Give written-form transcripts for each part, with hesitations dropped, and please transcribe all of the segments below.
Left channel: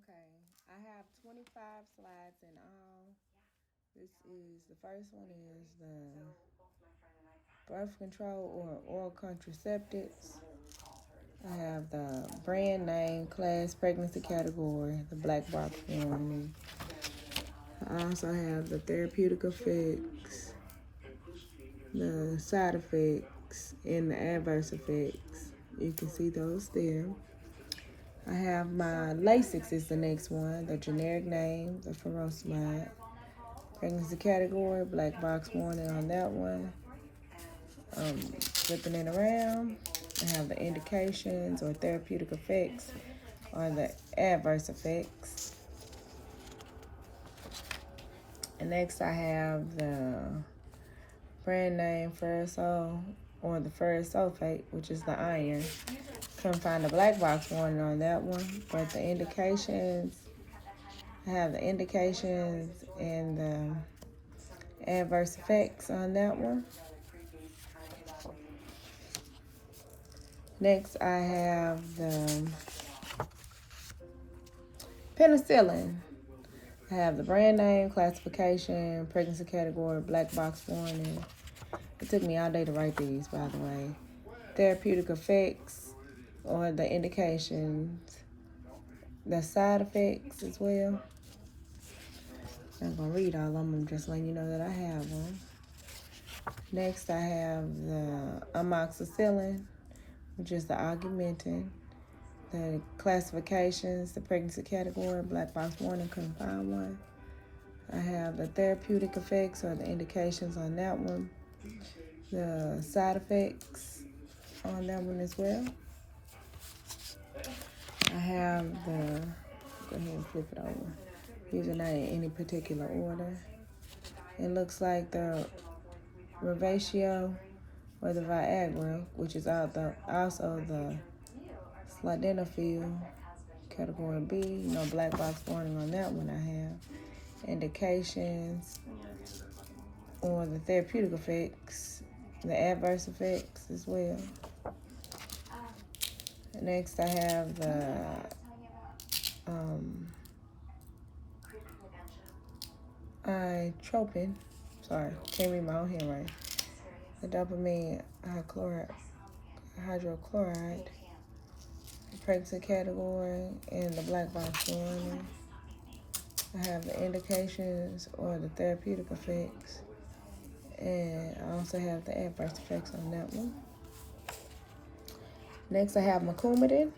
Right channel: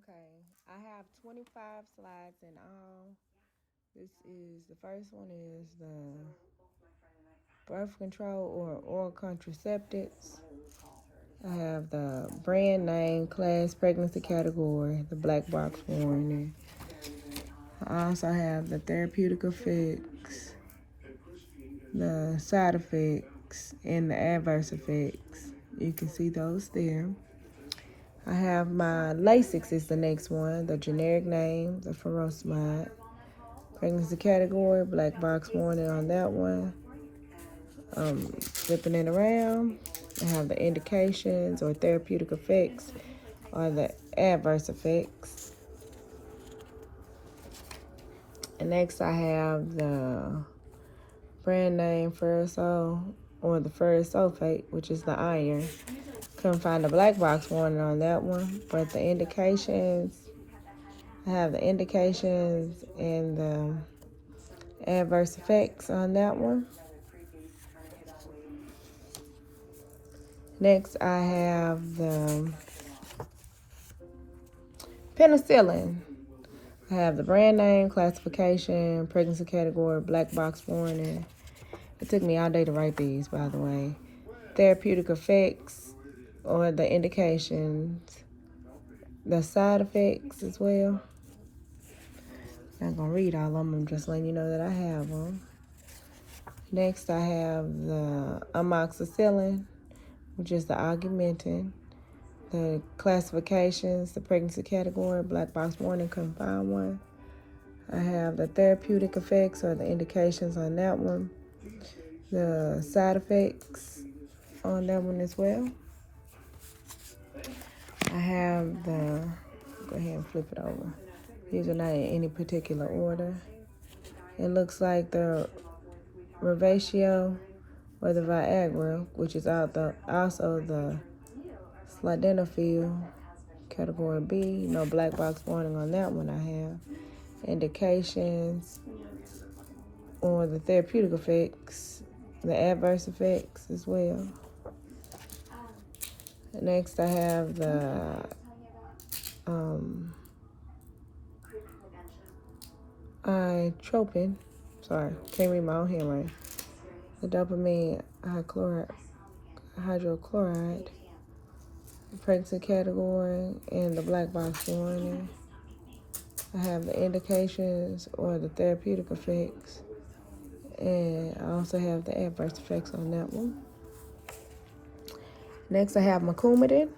Okay, I have 25 slides in all. The first one is the birth control or oral contraceptives. I have the brand name, class, pregnancy category, the black box warning. I also have the therapeutic effects, the side effects, and the adverse effects. You can see those there. I have my Lasix is the next one, the generic name, the furosemide. Pregnancy category, black box warning on that one. Flipping it around, I have the indications or therapeutic effects or the adverse effects. And next I have the brand name Ferrosol or the ferrous sulfate, which is the iron. Couldn't find the black box warning on that one, but the indications, I have the indications and the adverse effects on that one. Next, I have the penicillin. I have the brand name, classification, pregnancy category, black box warning. It took me all day to write these, by the way. Therapeutic effects or the indications, the side effects as well. I'm not gonna read all of them, I'm just letting you know that I have them. Next, I have the amoxicillin, which is the augmentin. The classifications, the pregnancy category, black box warning, couldn't find one. I have the therapeutic effects or the indications on that one. The side effects on that one as well. I have the, go ahead and flip it over. These are not in any particular order. It looks like the Revatio or the Viagra, which is also the Sildenafil, category B. No black box warning on that one. I have indications or the therapeutic effects, the adverse effects as well. Next, I have the itropin. Sorry, can't read my own handwriting. The dopamine hydrochloride, the pregnancy category, and the black box warning. I have the indications or the therapeutic effects, and I also have the adverse effects on that one. Next, I have Coumadin,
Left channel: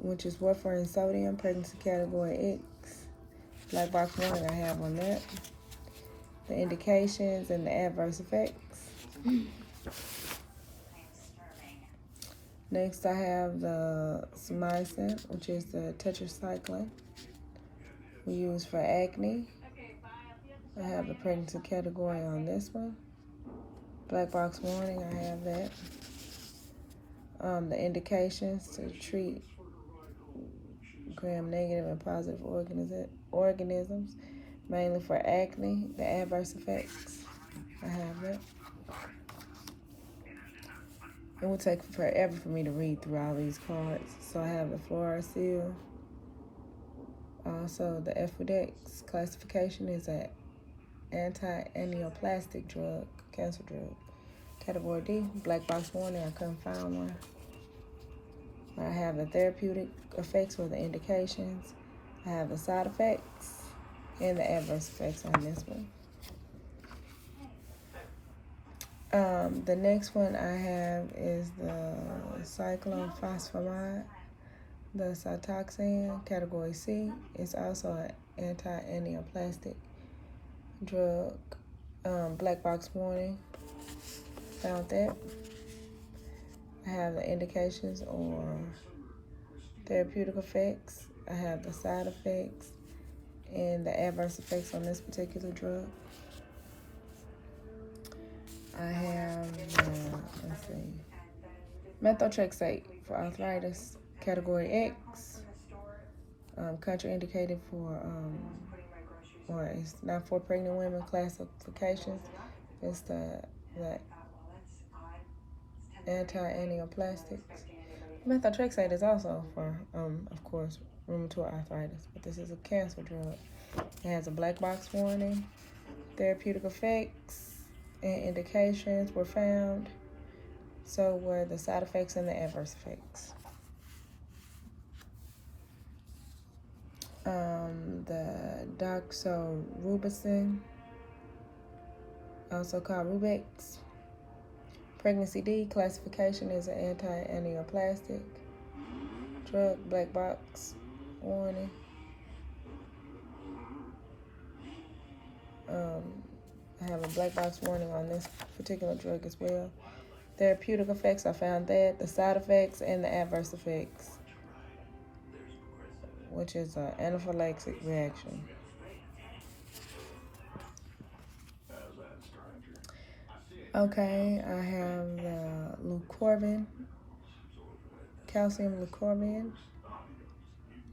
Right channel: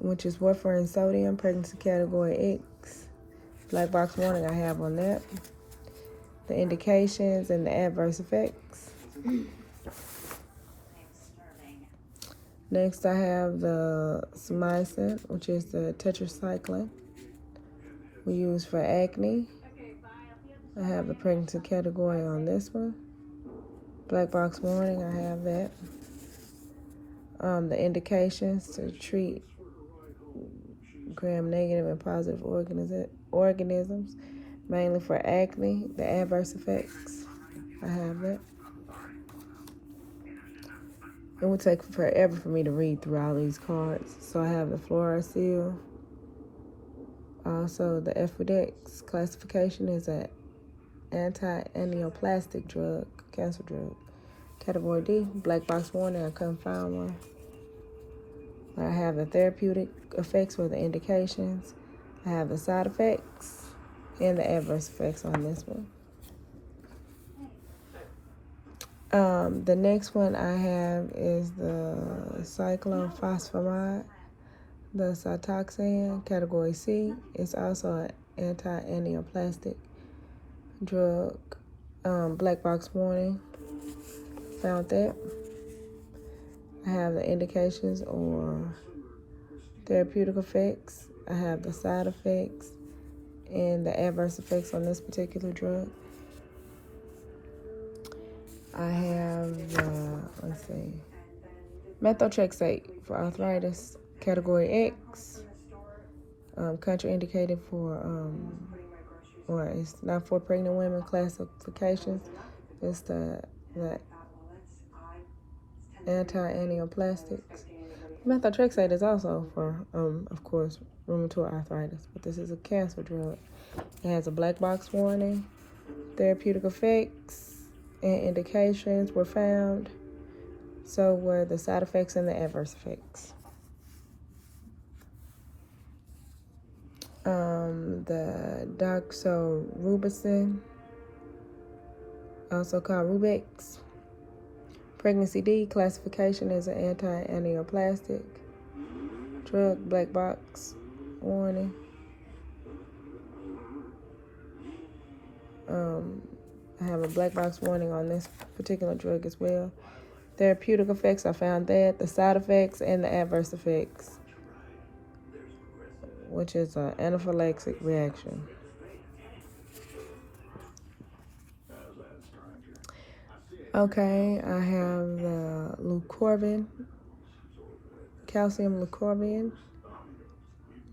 which is warfarin sodium, pregnancy category X. Black box warning I have on that. The indications and the adverse effects. Next, I have the Smycin, which is the tetracycline we use for acne. I have the pregnancy category on this one. Black box warning, I have that. The indications to treat gram-negative and positive organisms, mainly for acne. The adverse effects, I have it. It would take forever for me to read through all these cards. So I have the Fluorosil. Also, the Efudix classification is an anti-angioplastic drug, cancer drug. Category D, black box warning, I couldn't find one. I have the therapeutic effects or the indications. I have the side effects and the adverse effects on this one. The next one I have is the cyclophosphamide, the Cytoxan, category C. It's also an anti-angioplastic drug. Black box warning, found that. I have the indications or therapeutic effects. I have the side effects and the adverse effects on this particular drug. I have, methotrexate for arthritis, category X, contraindicated for, or it's not for pregnant women classifications. It's the anti-anioplastics. Methotrexate is also for, of course, rheumatoid arthritis, but this is a cancer drug. It has a black box warning. Therapeutic effects and indications were found. So were the side effects and the adverse effects. The doxorubicin, also called Rubex. Pregnancy D, classification as an anti-aneoplastic drug, black box warning. I have a black box warning on this particular drug as well. Therapeutic effects, I found that. The side effects and the adverse effects, which is an anaphylactic reaction. Okay, I have the Leucorvin, calcium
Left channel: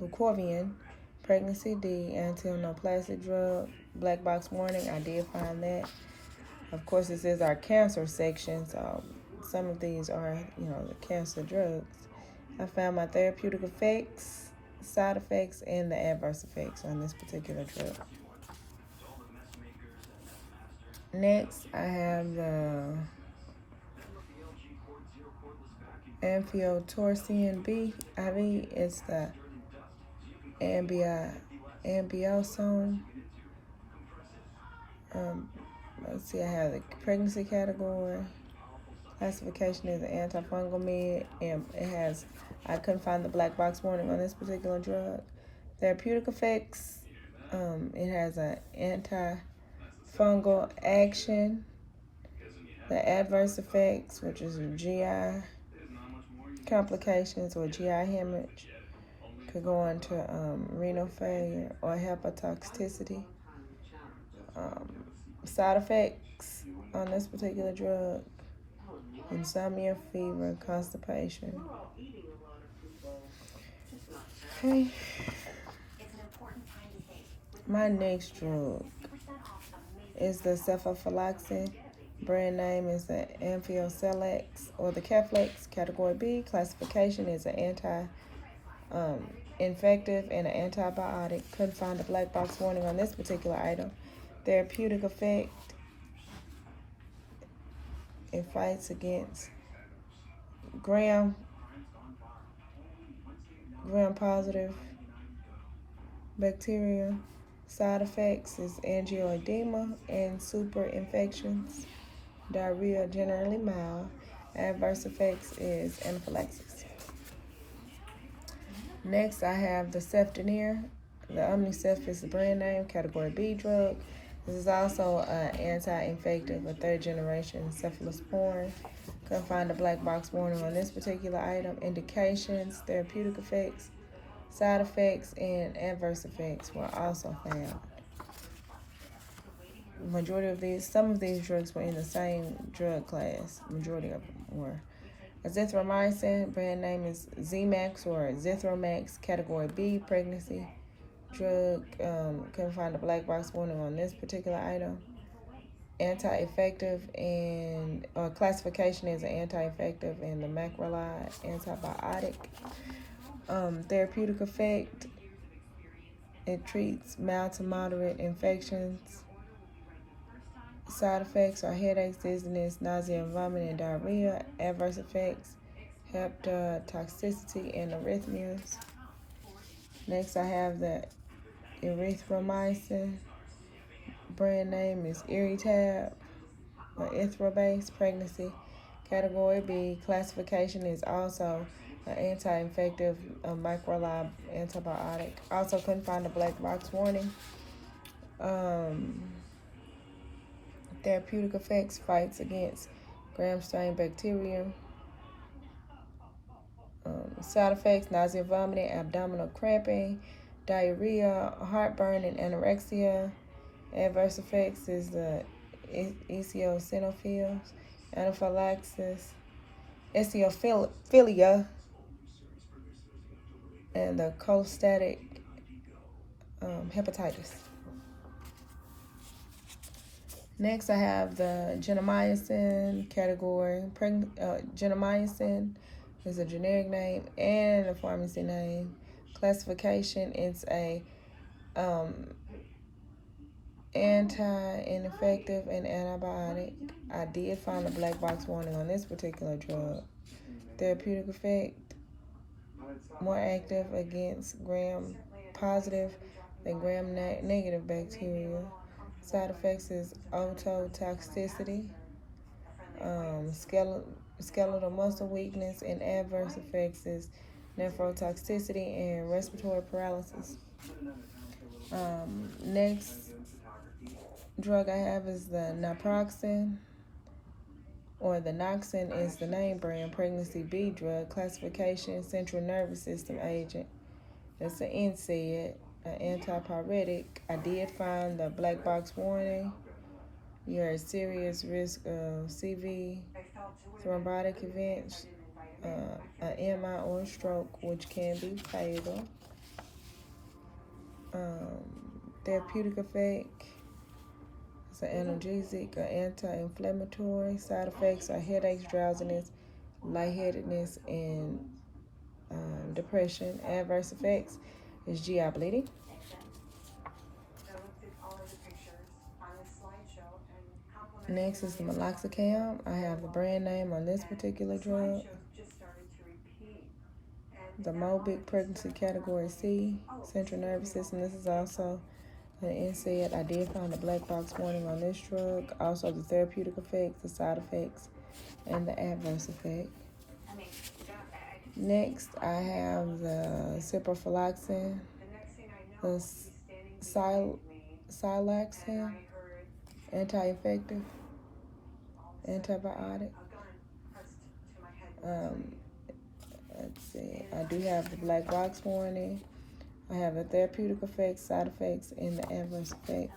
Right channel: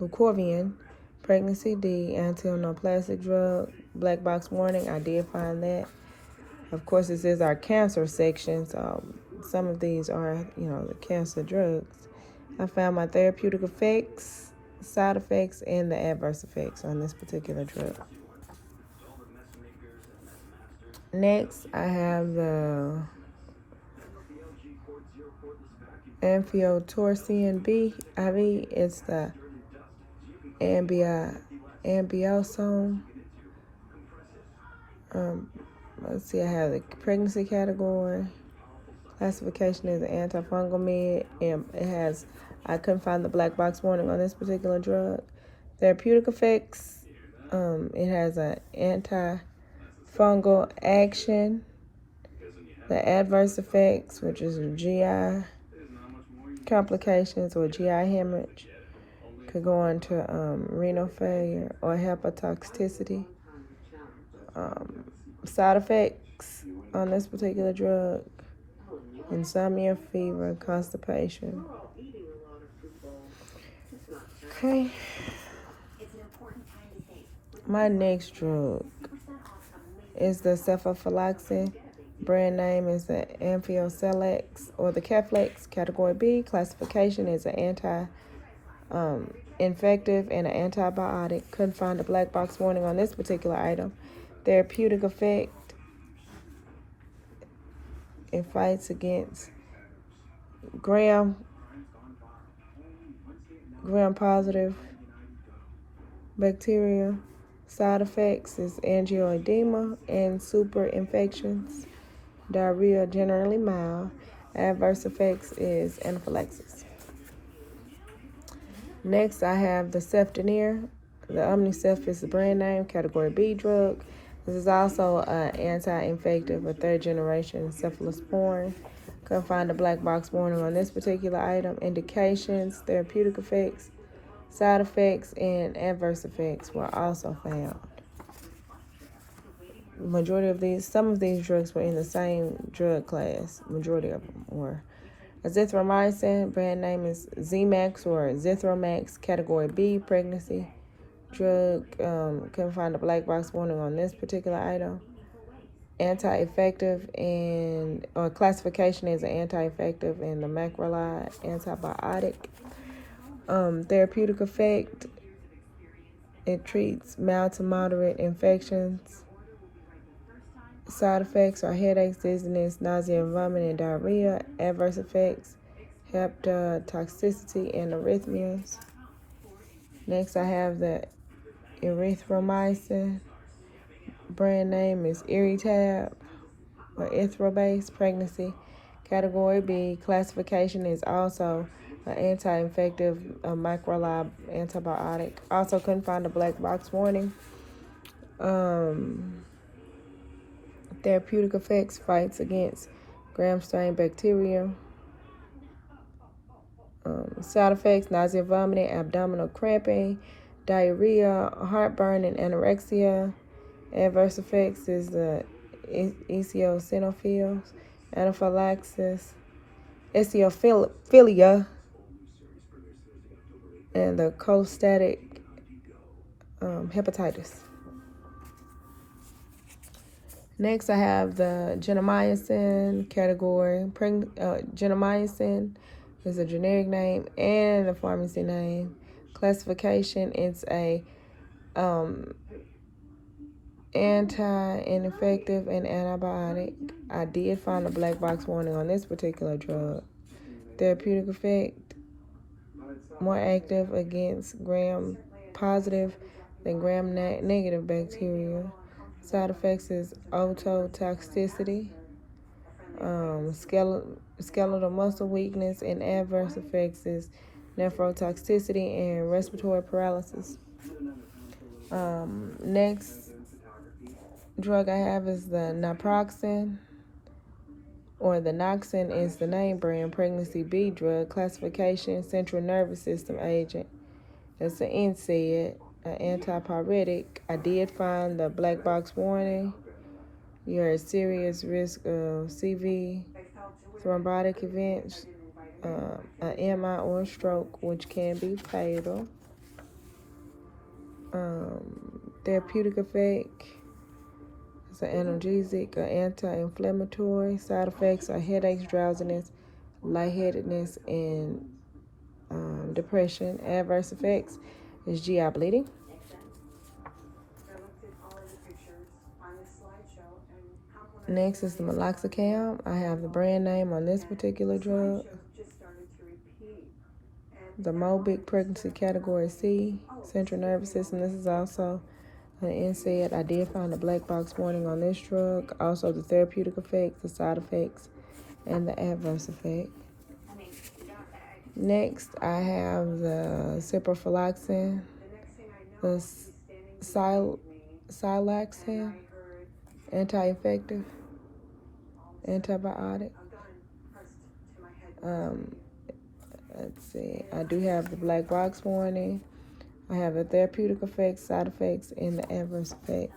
Leucorvian, pregnancy D, anti-aneoplastic drug, black box warning. I did find that. Of course, this is our cancer section, so some of these are, the cancer drugs. I found my therapeutic effects, side effects, and the adverse effects on this particular drug. Next, I have the Amphotericin B IV. It's the Ambiosome. Let's see, I have the pregnancy category. Classification is an antifungal med, and I couldn't find the black box warning on this particular drug. Therapeutic effects, it has an antifungal action. The adverse effects, which is GI complications or GI hemorrhage, could go on to renal failure or hepatotoxicity. Side effects on this particular drug: insomnia, fever, constipation. Okay. My next drug is the cefalexin. Brand name is the Amphotericin or the Keflex. Category B. Classification is an anti-infective and an antibiotic. Couldn't find a black box warning on this particular item. Therapeutic effect: it fights against gram-positive bacteria. Side effects is angioedema and super infections. Diarrhea generally mild. Adverse effects is anaphylaxis. Next, I have the Cefdinir. The Omnicef is the brand name. Category B drug. This is also an anti-infective, a third generation cephalosporin. Couldn't find a black box warning on this particular item. Indications, therapeutic effects, side effects, and adverse effects were also found. Majority of these, some of these drugs were in the same drug class. Majority of them were. Azithromycin, brand name is Z-Max or Zithromax. Category B, pregnancy drug. Couldn't find a black box warning on this particular item. Anti-effective or classification is an anti-effective and the macrolide antibiotic. Therapeutic effect: it treats mild to moderate infections. Side effects are headaches, dizziness, nausea, vomiting, and diarrhea. Adverse effects: hepatotoxicity and arrhythmias. Next, I have the erythromycin. Brand name is Eritab or Ithrobase. Pregnancy. Category B. Classification is also an anti-infective, macrolide antibiotic. Also couldn't find a black box warning. Therapeutic effects: fights against gram-strain bacteria. Side effects: nausea, vomiting, abdominal cramping, diarrhea, heartburn, and anorexia. Adverse effects is the eosinophils, anaphylaxis, eosinophilia, and the cholestatic hepatitis. Next, I have the gentamicin category. Gentamicin, It's a generic name and a pharmacy name. Classification, it's a anti-infective and antibiotic. I did find a black box warning on this particular drug. Therapeutic effect, more active against gram-positive than gram-negative bacteria. Side effects is ototoxicity, skeletal muscle weakness, and adverse effects is nephrotoxicity and respiratory paralysis. Next drug I have is the naproxen, or the Noxin is the name brand, pregnancy B drug. Classification, central nervous system agent. It's an NSAID, an antipyretic. I did find the black box warning. You're at serious risk of CV, thrombotic events, an MI or a stroke, which can be fatal. Therapeutic effect, it's an analgesic, an anti-inflammatory. Side effects are headaches, drowsiness, lightheadedness, and depression. Adverse effects is GI bleeding. Next is the meloxicam. I have the brand name on this particular drug. The Mobic, pregnancy category C, central nervous system. This is also an NSAID. I did find a black box warning on this drug. Also the therapeutic effects, the side effects, and the adverse effect. Next, I have the ciprofloxacin, the siloxane, anti-infective, antibiotic. Let's see, I do have the black box warning. I have the therapeutic effects, side effects, and the adverse effect.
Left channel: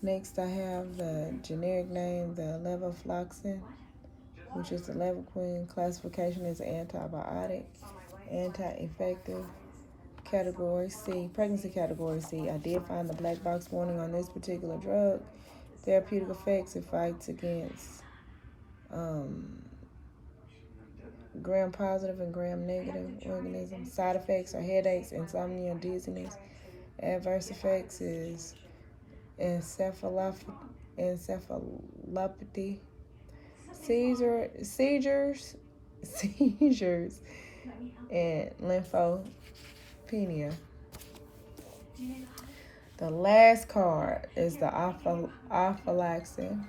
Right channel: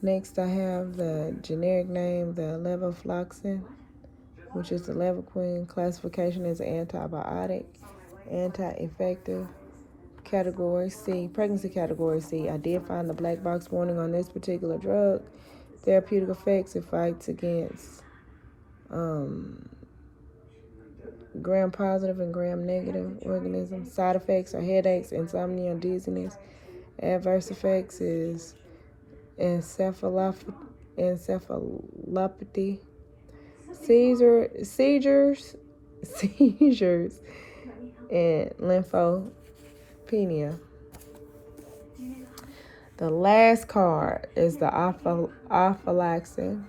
Next, I have the generic name, the levofloxacin, which is the Levaquin. Classification is antibiotic, anti-infective, category C, pregnancy category C. I did find the black box warning on this particular drug. Therapeutic effects, it fights against gram-positive and gram-negative organisms. Side effects are headaches, insomnia, dizziness. Adverse effects is encephalopathy, seizures, and lymphopenia. The last card is the aflatoxin,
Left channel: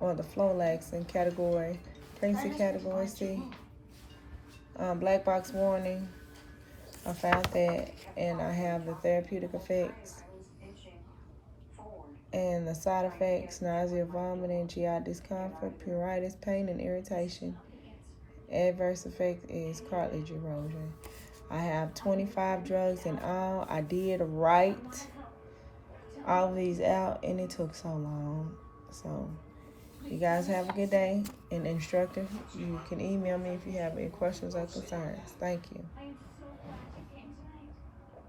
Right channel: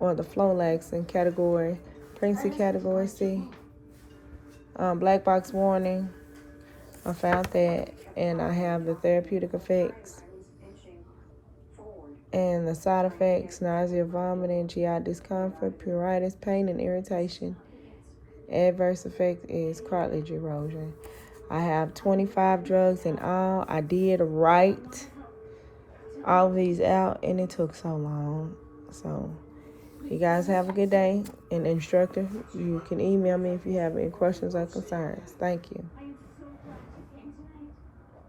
or the Flolaxin category, pregnancy category C. Black box warning, I found that, and I have the therapeutic effects and the side effects: nausea, vomiting, GI discomfort, pruritus, pain, and irritation. Adverse effect is cartilage erosion. I have 25 drugs in all. I did write all of these out, and it took so long. So you guys have a good day. And instructor, you can email me if you have any questions or concerns. Thank you.